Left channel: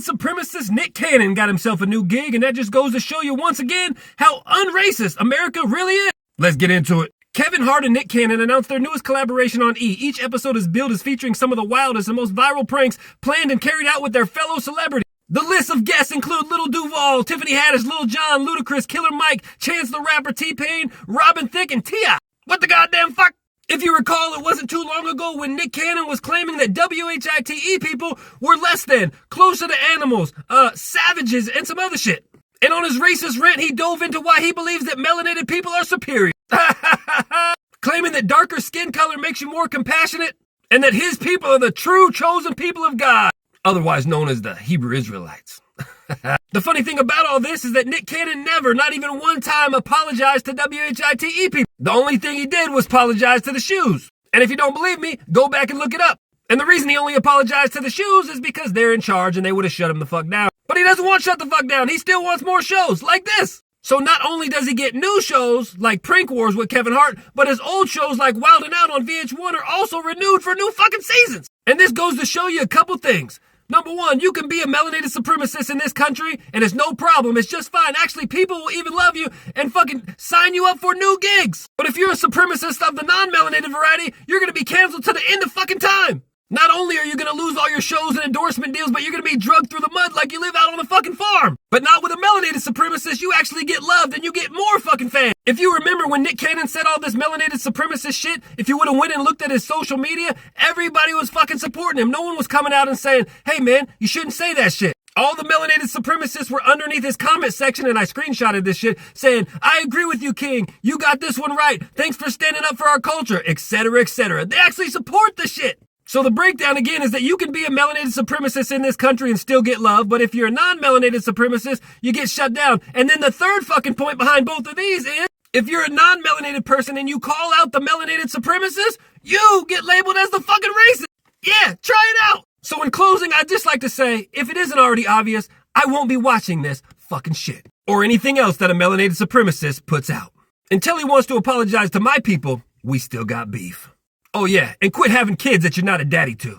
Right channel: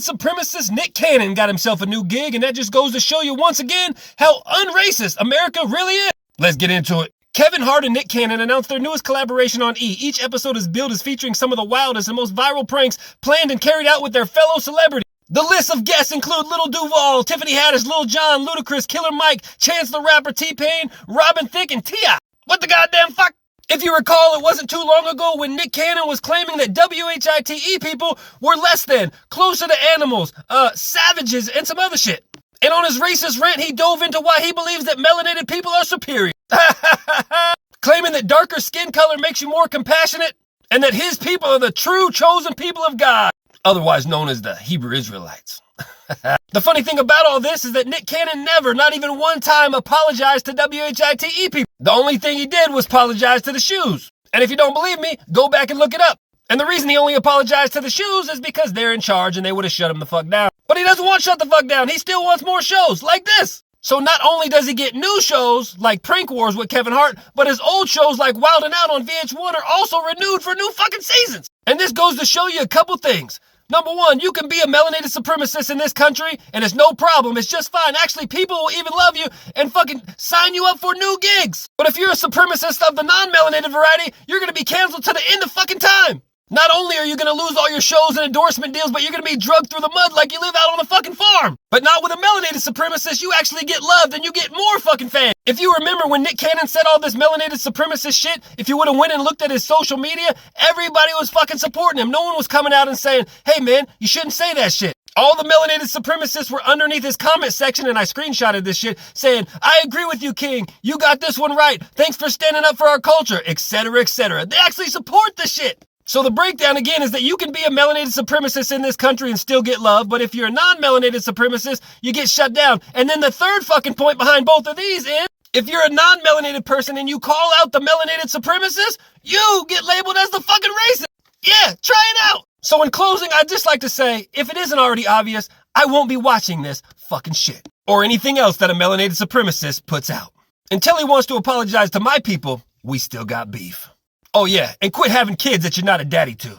melanated supremacist Nick Cannon got himself a new gig, and that just goes to show you once again how unracist America really is. Let's get into it. Kevin Hart and Nick Cannon announced their newest collaboration on E! Each episode is billed as featuring some of the wildest and most viral pranks planned and carried out with their fellow celebrities. The list of guests include Lil Duval, Tiffany Haddish, Lil Jon, Ludacris, Killer Mike, Chance the Rapper, T-Pain, Robin Thicke, and T.I. What the goddamn fuck? If you recall, it wasn't too long ago when Nick Cannon was claiming that WHITE people were less than, closer to animals, savages, and some other shit. And on his racist rant, he dove into why he believes that melanated people are superior. Claiming that darker skin color makes you more compassionate, and that his people are the true chosen people of God, otherwise known as the Hebrew Israelites. The funny thing about all this is that Nick Cannon never, not even one time, apologized to WHITE people. The only thing he did was apologize to the shoes. And if you don't believe me, go back and look it up. And the reason he only apologized to the shoes is because they're in charge and they would have shut him the fuck down. But he doesn't want to shut the fuck down. He still wants more shows like this. So not only does he get new shows like Prank Wars with Kevin Hart, but his old shows like Wild 'N Out on VH1 are also renewed for new fucking seasons. And this goes to show you a couple things. Number one, you can be a melanated supremacist in this country, and it's no problem. It's just fine. Actually, people will even love you and fucking sign you up for new gigs. But if you're a supremacist of the non-melanated variety, you're gonna be canceled to the end of fucking time. Not only are you gonna lose all your shows and endorsement deals, but you're gonna be drugged through the mud like you live out on a fucking farm. But not with a melanated supremacist, you actually get loved and you get more fucking fans. If you remember when Nick Cannon said all this melanated supremacist shit, if you would have went and looked at his social media, everybody was fucking supporting him. No one was coming out and saying, hey man, you shouldn't say that shit. All the melanated supremacists were underneath his comment section, and I screenshotted this shit, saying, I agree with you, King. You got this one right. Thanks for standing up for our culture, etc., etc. They actually support the shit. So the breakdown again is that you can be a melanated supremacist in this country and still get love, but if you're a non-melanated supremacist, you get shut down. And then the third fucking point behind both of these is, if you're a non-melanated person and you call out the melanated supremacist, you get labeled as the fucking racist. Yeah, try it out. So in closing, I'd just like to say, if it isn't already obvious, I won't be watching this fucking shit. Or anything else that a melanated supremacist puts out. Until he wants to apologize to my people, we still got beef. Oh yeah, and quit having kids that you're not a daddy to.